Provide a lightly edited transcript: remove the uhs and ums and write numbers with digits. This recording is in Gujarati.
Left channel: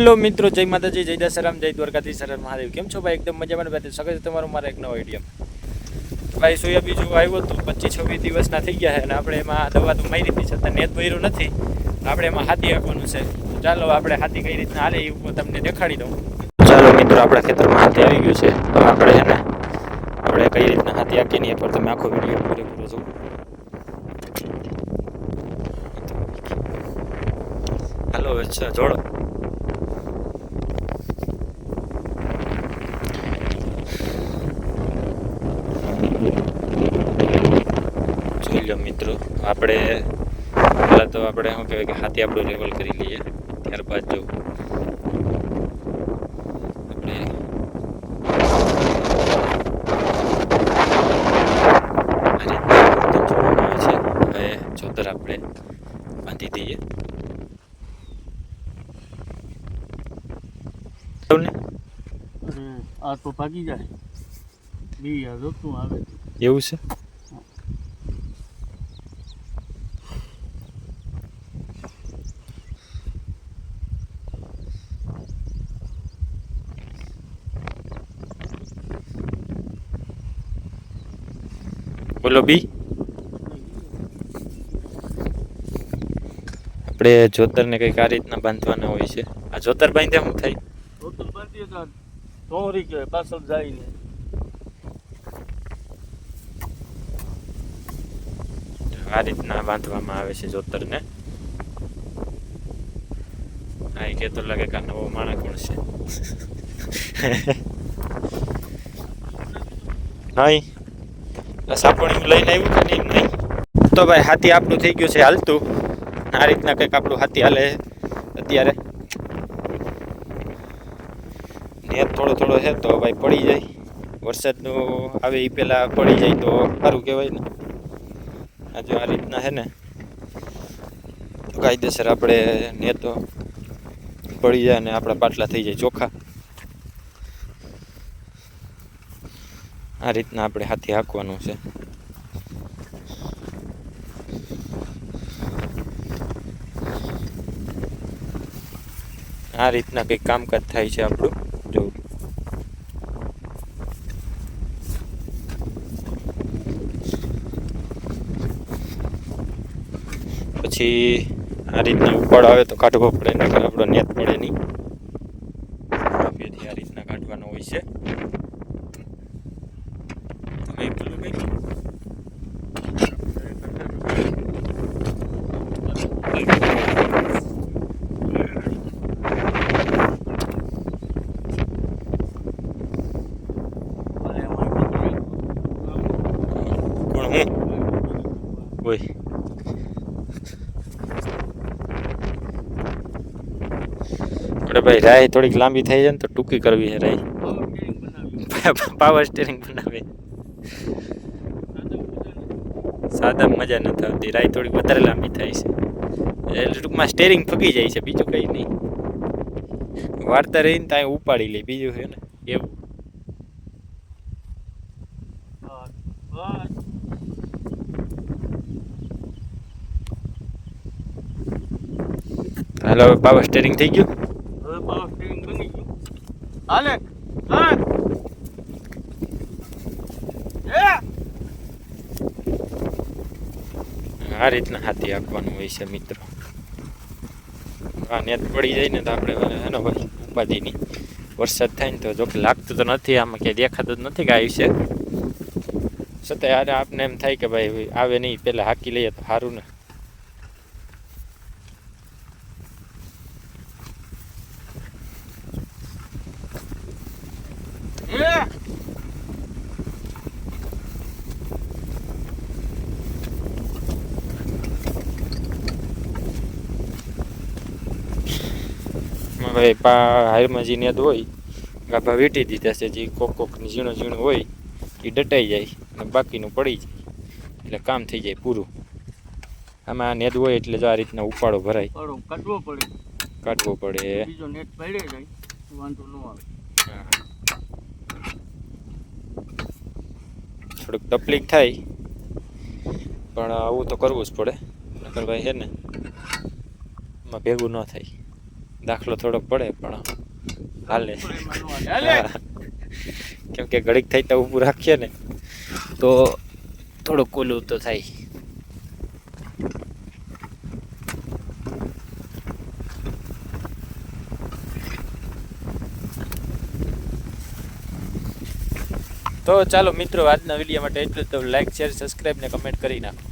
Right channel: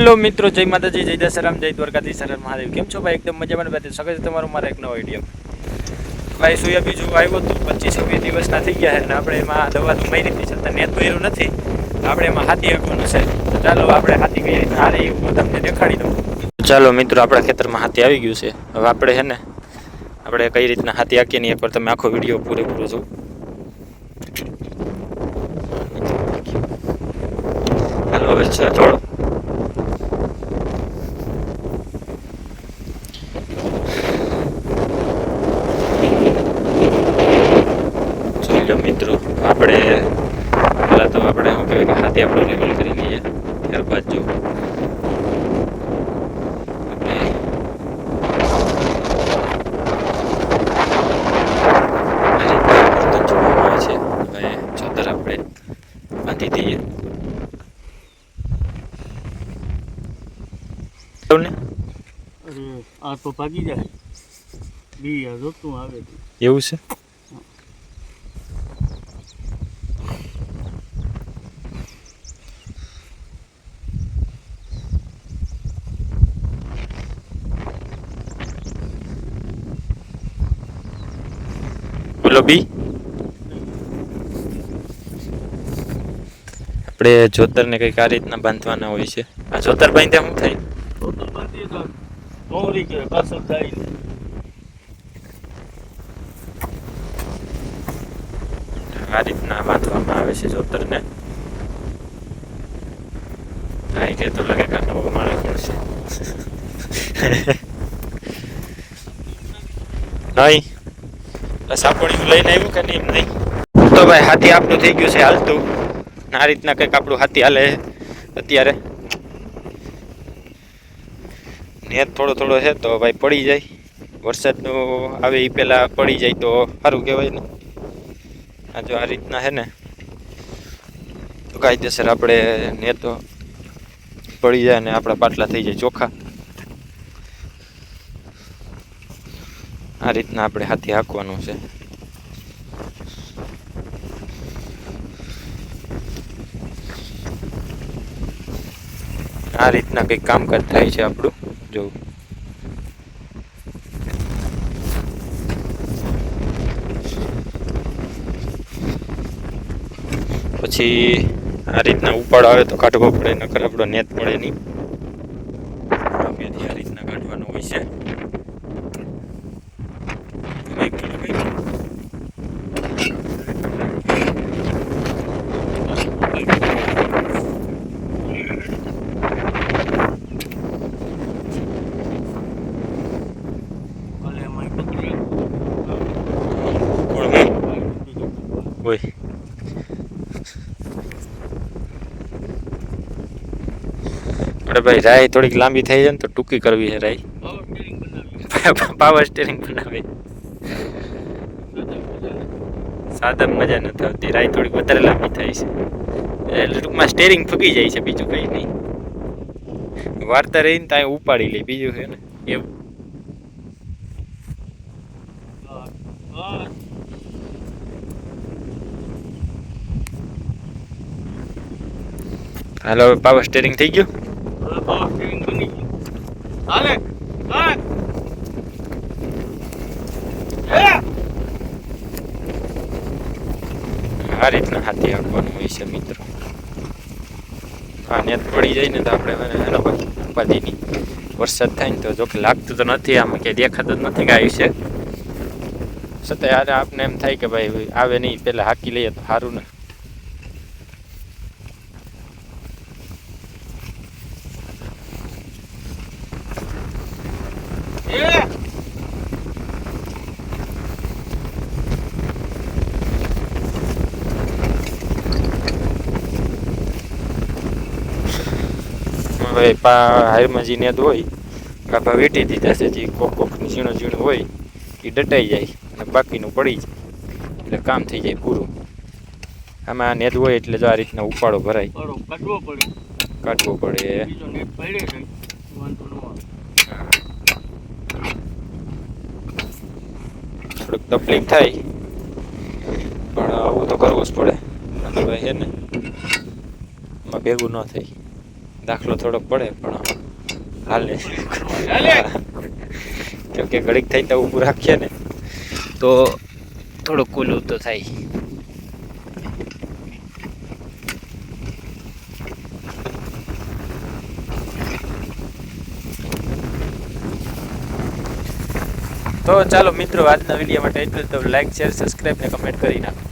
હેલો મિત્રો, જય માતાજી, જય દશરામ, જય દ્વારકાધીશ, હર હર મહાદેવ. કેમ છો ભાઈ? એકદમ મજામાં ભાઈ. સ્વાગત છે તમારું મારા એક નવા વિડીયો. ભાઈ સોયા બીજું આવ્યો તો 25-26 દિવસના થઈ ગયા છે અને આપણે એમાં દવા તો મારી હતી છતાં નેટ ભર્યું નથી. આપણે એમાં હાથી આપવાનું છે. તો ચાલો આપણે હાથી કઈ રીતના હાલે એ હું તમને દેખાડી દઉં. ચાલો મિત્રો, આપણા ખેતરમાં હાથી આવી ગયું છે. તો આપણે છે ને આપણે કઈ રીતના હાથી હાકીએ ને એકવાર તમે આખો વિડીયો પૂરેપૂરો જો. હાલો હવે થોડો જોઈ લો મિત્રો. આપણે પહેલાં તો આપણે શું કહેવાય કે હાથી આપણો લેવલ કરી લઈએ. ત્યારબાદ જો આપણે બાંધી દઈએ. આ તો ભાગી જાય બી રોકતું આવે એવું છે. બોલો બી. આપણે જોતરને કંઈક આ રીતના બાંધવાના હોય છે. આ જોતર બાંધ્યા શું થાય? ડોરી કે કસર જાય ને આ રીતના બાંધવામાં આવે છે જોતરને. હા, કે તો લાગે કે નવો માણસ પણ છે. નહીં સાપોણી લઈને આવ્યું કે નહીં? તો ભાઈ હાથી આપણું થઈ ગયું છે હાલતું. આ રીતના કંઈક આપણું હાથી હાલે અત્યારે. નેત થોડો થોડો છે તો ભાઈ પડી જાય. વરસાદનું આવે એ પહેલાં પડી જાય તો સારું કહેવાય ને. આ જો આ રીતના છે ને તો કાયદેસર આપણે નેતો પડી જાય ને આપણા પાટલા થઈ જાય ચોખ્ખા. આ રીતના આપણે હાથી હાંકવાનું છે. આ રીતના કંઈક કામકાજ થાય છે આપણું. જો પછી આ રીતના ઉપાડ આવે તો કાઢવો પડે, નકર આપણો નેત પડે નહીં. આ રીતના કાઢવાનું હોય છે. હોય આપણે ભાઈ રાય થોડીક લાંબી થઈ જાય ને તો ટૂંકી કરવી છે રાય. પાવર સ્ટીરિંગ બનાવે. સાદા મજા નથી આવતી. રાય થોડીક વધારે લાંબી થાય છે એટલે ટૂંકમાં સ્ટેરિંગ ફગી જાય છે. બીજું કંઈ નહીં. વાર્તા રહીને ત્યાં ઉપાડી લે બીજું છે ને એવું. હાલો પાવર સ્ટેરિંગ થઈ ગયું. હાલે આ રીતના હાથી હાંકવાનું હોય છે મિત્રો. આ નેત પડી જાય ને તો આપણે એનો ભાઈ ઉપાધિની. વરસાદ થાય ને તો જોકે લાગતું તો નથી, આમાં ક્યાંય દેખાતું જ નથી કે આવ્યું છે. છતાં યાર આપને એમ થાય કે ભાઈ આવે નહીં પહેલાં હાંકી લઈએ તો સારું ને. હારમાં જે નેદ હોય ગાભા વેટી દીધા છે. જે કોકની ઝીણું ઝીણું હોય એ ડટાઈ જાય અને બાકીનું પડી જાય એટલે કામ થઈ જાય પૂરું. આમાં નેદ હોય એટલે જો આ રીતના ઉપાડો ભરાય, કાઢવો પડે. થોડુંક તકલીફ થાય પણ આવું તો કરવું જ પડે. નકર ભાઈ છે ને એમાં ભેગું ન થાય. દાખલો થોડોક પડે પણ હાલે. કેમ કે ઘડીક થઈ તો ઊભું રાખીએ ને તો થોડુંક કુલું તો થાય. તો ચાલો મિત્રો, આજના વિડીયો માટે એટલું જ. તો લાઈક, શેર, સબસ્ક્રાઈબ ને કમેન્ટ કરી નાખો.